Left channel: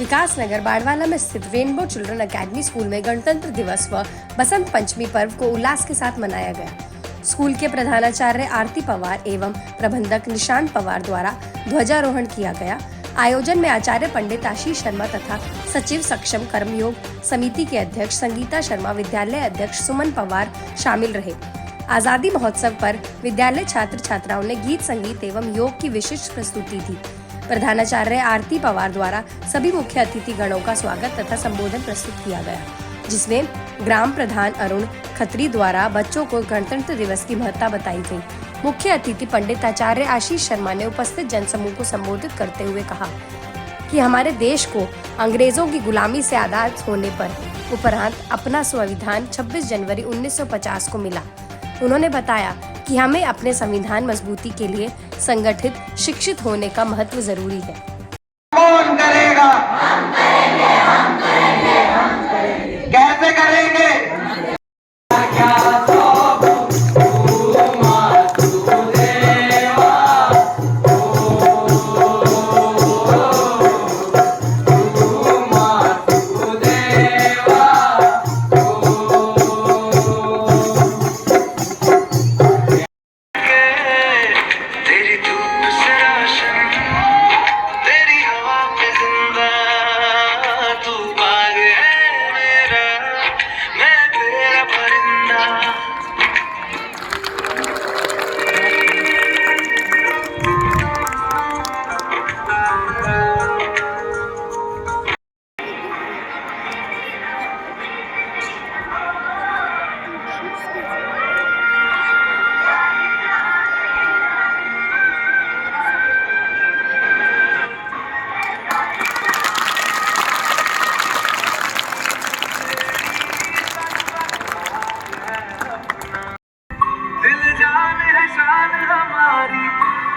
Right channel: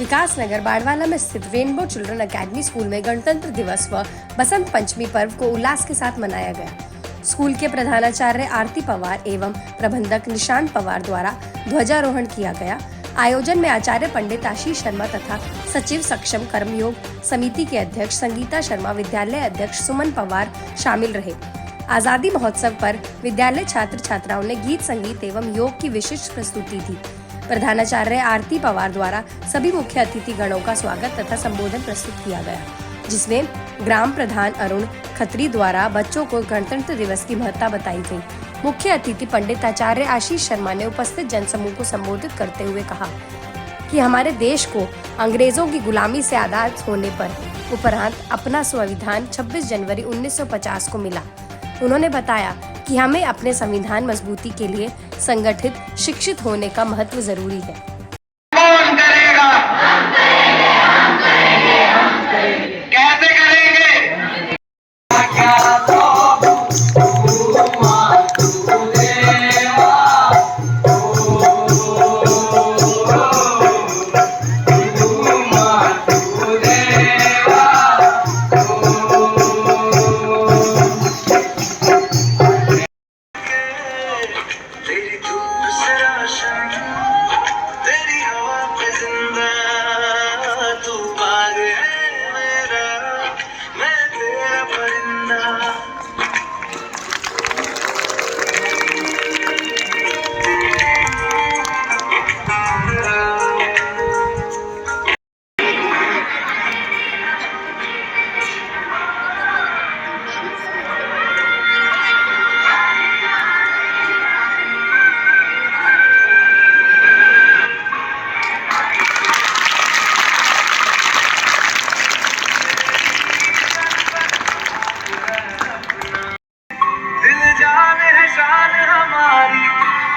विकासनगर बाड़वाला में स्थित rainbow children academy school में गणतंत्र दिवस व बसंत पंचमी पर्व को उल्लास के साथ मनाया गया। स्कूल के प्रधानाचार्य आरती पवार एवं प्रबंधक निशांत पवार द्वारा ध्वजारोहण किया गया। आयोजन में आचार्य पंडित आशीष शर्मा तथा सचिव सक्षम कर्मयोग समिति के अध्यक्ष संगीता शर्मा, विद्यालय अध्यक्ष सुमन पवार शामिल रहे। आजादी महोत्सव पर विद्यालय छात्र छात्राओं ने गीत संगीत एवं योग की विशिष्ट प्रस्तुति दी। प्रधानाचार्य आरती पवार द्वारा सभी मुख्य अतिथि गणों का स्वागत तथा संबोधन प्रस्तुत किया गया, जिसमें ग्राम प्रधान अरुण खत्री द्वारा बच्चों को गणतंत्र दिवस की महत्ता बताई गई। मुख्य अतिथि पंडित आचार्य आशीष शर्मा ने उपस्थित जनसमूह को संबोधित करते हुए कहा कि हमारे देश को अंग्रेजों की गुलामी से आजाद होने पर उपरांत अपना संविधान 26 जनवरी 1950 को मिला। उन्होंने बताया कि हमें अपने संविधान मजबूती के लिए संगठित, शिक्षित होने का महत्व जरूरी है। कौन करेगा? हम करेंगे, हम करेंगे, हम करेंगे। कैसे करेंगे?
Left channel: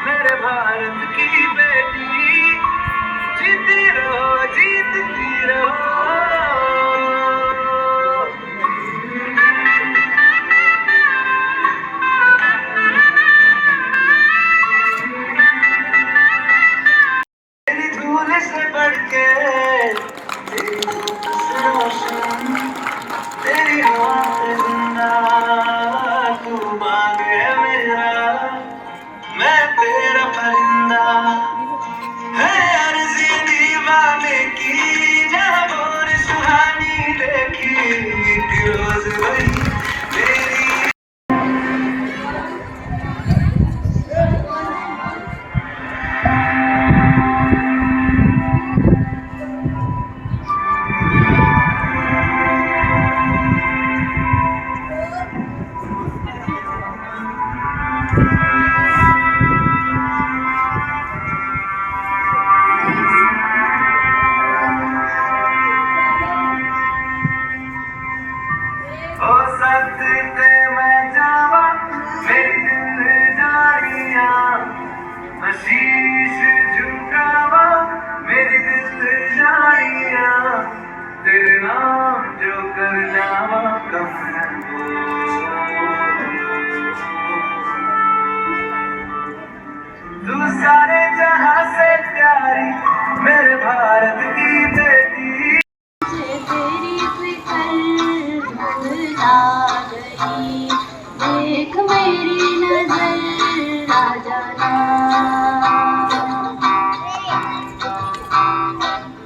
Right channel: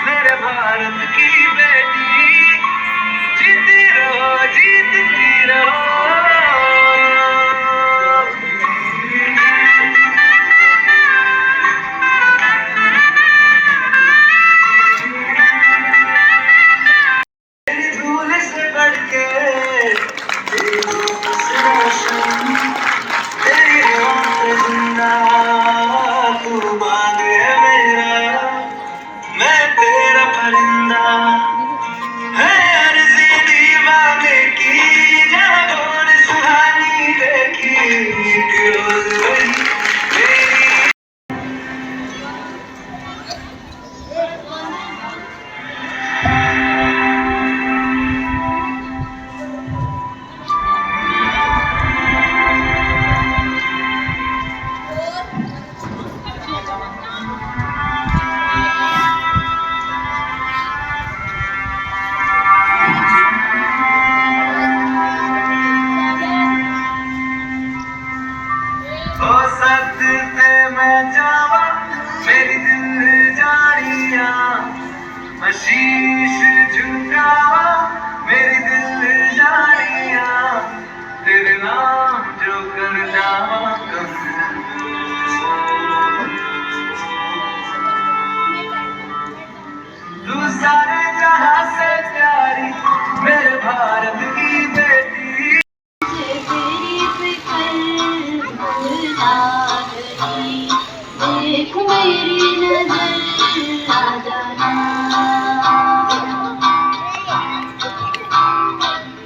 मेरे भारत की बेटी, जीती रहो, जीतती रहो। तेरी धूल से बढ़ के तेरी धूप से रोशन, तेरी रात जिंदा तू बाग है मेरा, मैं तेरा परिंदा है। अर्ज़ी दीवाने की जब बोल सुहानी देखी, रोज वही मेरी। शीश झुकावा मेरी दिल जानिया, तेरे नाम जो कर जावा कम तू सारे जहां से प्यारी, मेरे भारत की बेटी। तेरी फिक्र भुला गई, देख मेरी नजर आ जाना।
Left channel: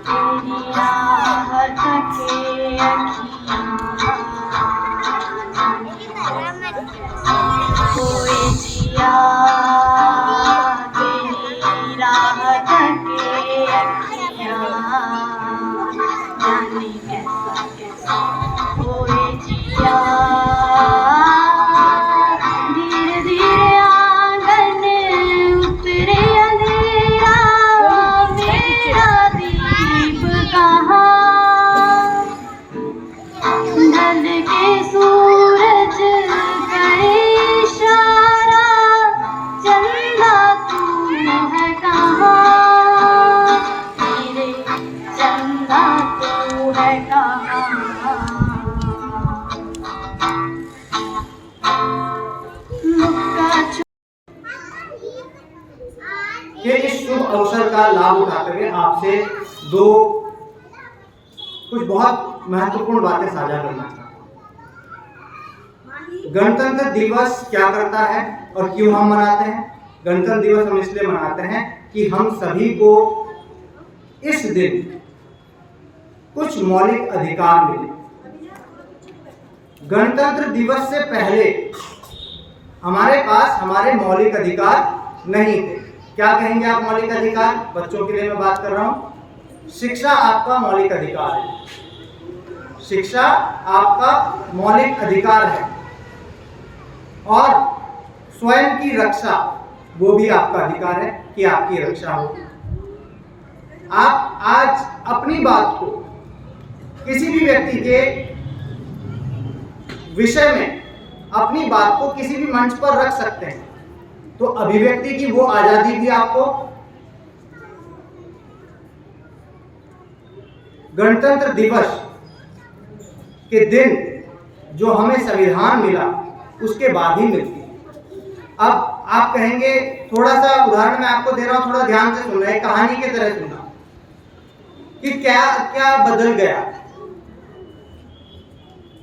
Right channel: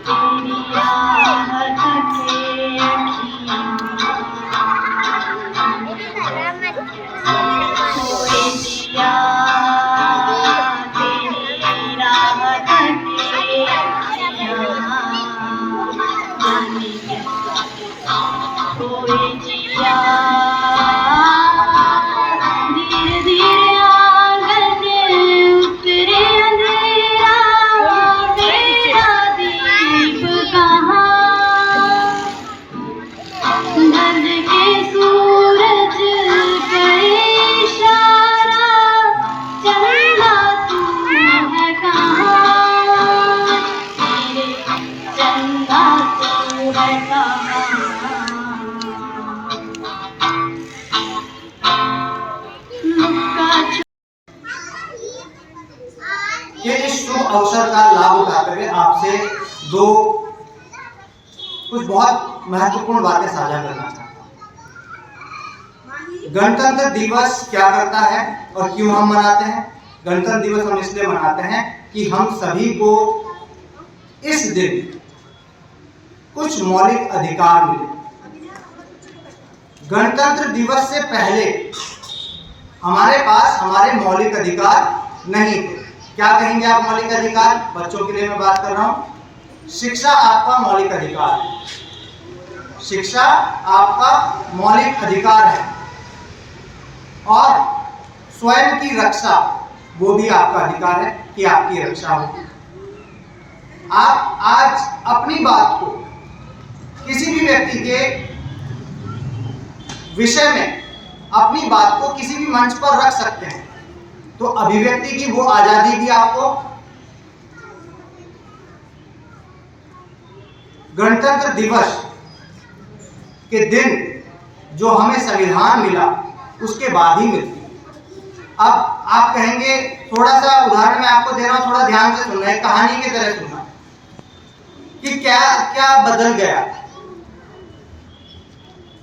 तेरी राहत के अखियाँ खोए दिया, तेरी राहत के अखियाँ जाने कैसा खोए जिया। धीरे धीरे आंगन उतरे अंधेरा, मेरा दीप कहाँ जल के सूरज करे इशारा, चंदा तू है कहाँ, तेरे चंदा तू है कहाँ। कि इस शुभ अवसर का लाभ उठाते हुए आपसे दो कुछ बहुत महत्वपूर्ण बातें साझा करना चाहता हूँ। गणतंत्र दिवस क्या करता है और क्यों हम मनाते हैं? गणतंत्र दिवस हम इसलिए मनाते हैं कि हम सभी को इस दिन कुछ मौलिक अधिकार मिले। गणतंत्र दिवस से पहले हमारे पास हमारे मौलिक अधिकार नहीं थे। क्या कहेंगे आप मौलिक अधिकार? बच्चों के लिए मैं बात कर रहा हूं। शिक्षा आपका मौलिक अधिकार है। शिक्षा आपका मौलिक अधिकार है और स्वयं की रक्षा वो भी आपका अधिकार है कि आपकी रक्षा हो। आप आज अपनी बात को किसी भी व्यक्ति के विषय में अपनी बात को किसी भी मंच पर रख सकते हैं, तो अभिव्यक्ति की वो आजादी भी आपको। गणतंत्र दिवस के दिन जो हमें संविधान मिला उसके बाद ही मिलती है। अब आप कहेंगे, थोड़ा सा उदाहरण मैं आपको दे रहा हूं, थोड़ा ध्यान से सुनना, एक कहानी की तरह सुनना कि क्या क्या बदल गया।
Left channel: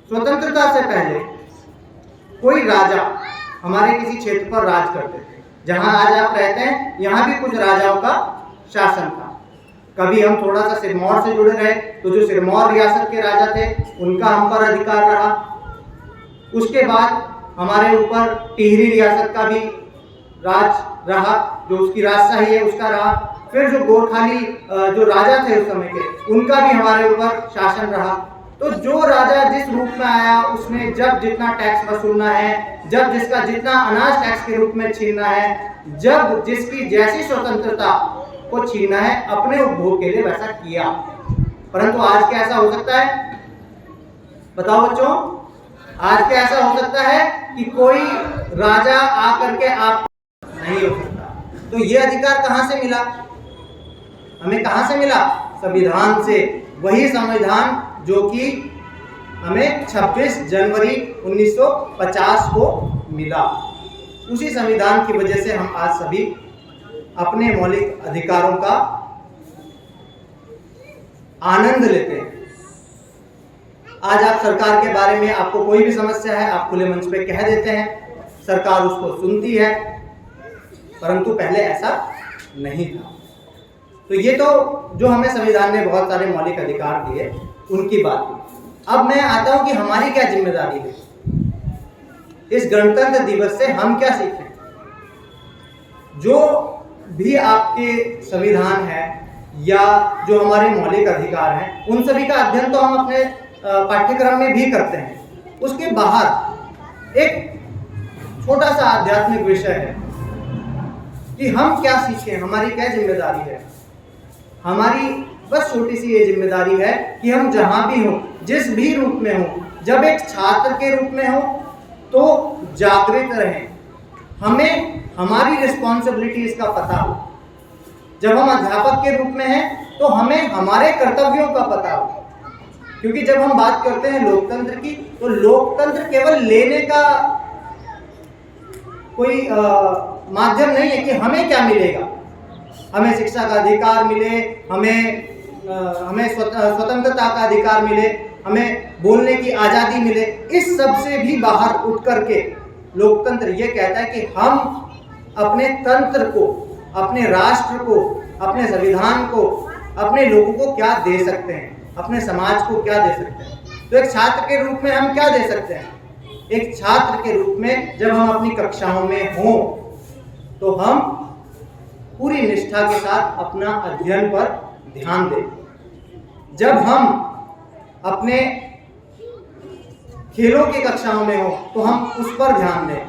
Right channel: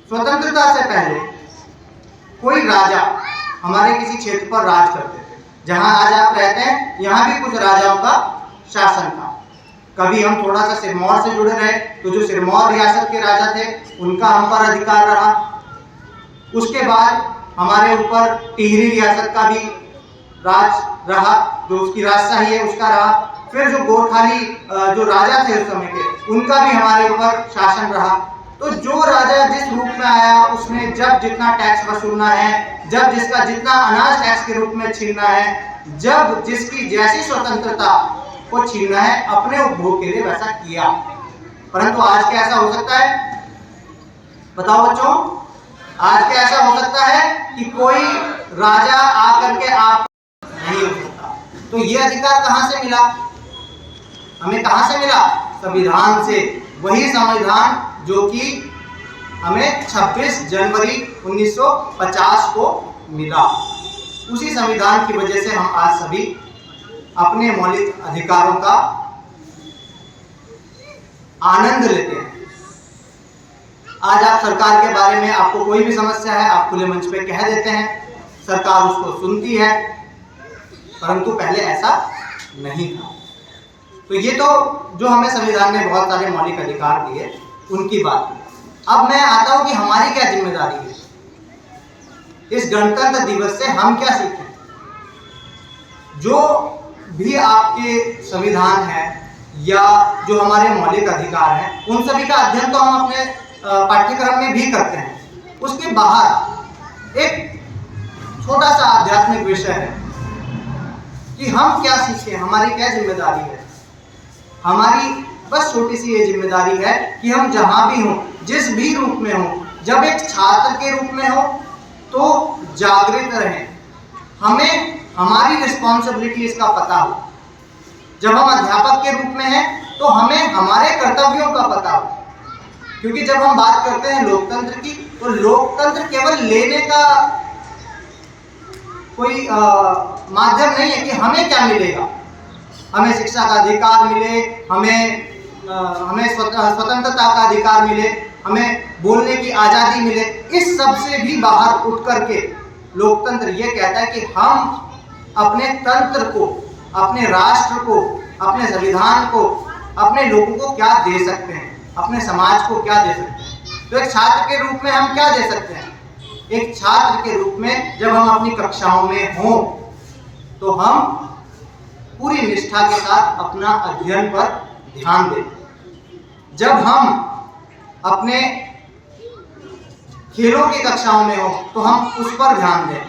स्वतंत्रता से पहले कोई राजा हमारे किसी क्षेत्र पर राज करते थे। जहां आज आप रहते हैं यहां भी कुछ राजाओं का शासन था। कभी हम थोड़ा सा सिरमौर से जुड़े रहे तो जो सिरमौर रियासत के राजा थे उनका हम पर अधिकार रहा। उसके बाद हमारे ऊपर टिहरी रियासत का भी राज रहा, जो उसकी राजशाही है उसका रहा। फिर जो गोरखाली जो राजा थे उस समय के, उनका भी हमारे ऊपर शासन रहा। तो जो राजा जिस रूप में आया उसने जब जितना टैक्स वसूलना है, जब जिसका जितना अनाज टैक्स के रूप में छीनना है, जब जिसकी जैसी स्वतंत्रता को छीनना है, अपने उपभोग के लिए वैसा किया। परंतु आज क्या ऐसा हो सकता है? बताओ बच्चों, आज क्या ऐसा हो सकता है कि कोई राजा आकर के आप नहीं हो सकता। तो ये अधिकार कहां से मिला? हमें कहां से मिला? संविधान से। वही संविधान जो कि हमें 26 जनवरी 1950 को मिला। उसी संविधान की वजह से हम आज सभी अपने मौलिक अधिकारों का आनंद लेते हैं। आज आप सरकार के बारे में, आपको कोई भी समस्या है, आप खुले मंच पे कह देते हैं, सरकार उसको सुनती है। परंतु पहले ऐसा नहीं था। तो ये तो जो हमें संविधान ने बहुत सारे मौलिक अधिकार दिए उनकी बात की। अब मैं आता हूं कि हमारी क्या जिम्मेदारी है। इस गणतंत्र दिवस से हम क्या सीखें? जो भी आपके संविधान है या जो हमारे मौलिक अधिकार हैं, उन सभी का अध्ययन तो हम अपने पाठ्यक्रम में भी करते हैं। उसके बाहर एक छोटा सा आध्यात्मिक विषय है कि हम क्या सीखें, हमारी क्या जिम्मेदारी है। हमारी बस छोटी सी ये जिम्मेदारी है कि हम जहां भी हों, जिस भी रूप में हों, जब एक छात्र के रूप में हो तो जागृत रहें। हमें हमारी रिस्पॉन्सिबिलिटीज का पता हो। जब हम अध्यापक के रूप में हैं तो हमें हमारे कर्तव्यों का पता हो। क्योंकि जब हम बात करते हैं लोकतंत्र की, तो लोकतंत्र केवल लेने का कोई माध्यम नहीं है कि हमें क्या मिलेगा। हमें शिक्षा का अधिकार मिले, हमें स्वतंत्रता का अधिकार मिले, हमें बोलने की आज़ादी मिले। इस सब से भी बाहर उठ करके लोकतंत्र ये कहता है कि हम अपने तंत्र को, अपने राष्ट्र को, अपने संविधान को, अपने लोगों को क्या दे सकते हैं, अपने समाज को क्या दे सकते हैं। तो एक छात्र के रूप में हम क्या दे सकते हैं? एक छात्र के रूप में जब हम अपनी कक्षाओं में हों तो हम पूरी निष्ठा के साथ अपना अध्ययन पर ध्यान दें। जब हम अपने खेलों की कक्षाओं में हो तो हम उस पर ध्यान दें।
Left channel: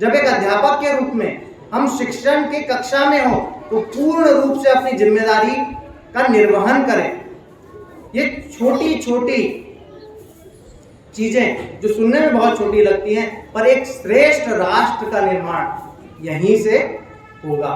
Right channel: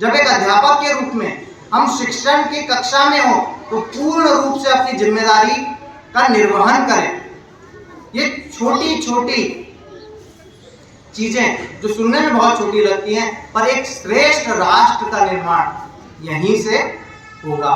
जब एक अध्यापक के रूप में हम शिक्षण की कक्षा में हो तो पूर्ण रूप से अपनी जिम्मेदारी का निर्वहन करें। ये छोटी छोटी चीजें जो सुनने में बहुत छोटी लगती हैं, पर एक श्रेष्ठ राष्ट्र का निर्माण यहीं से होगा।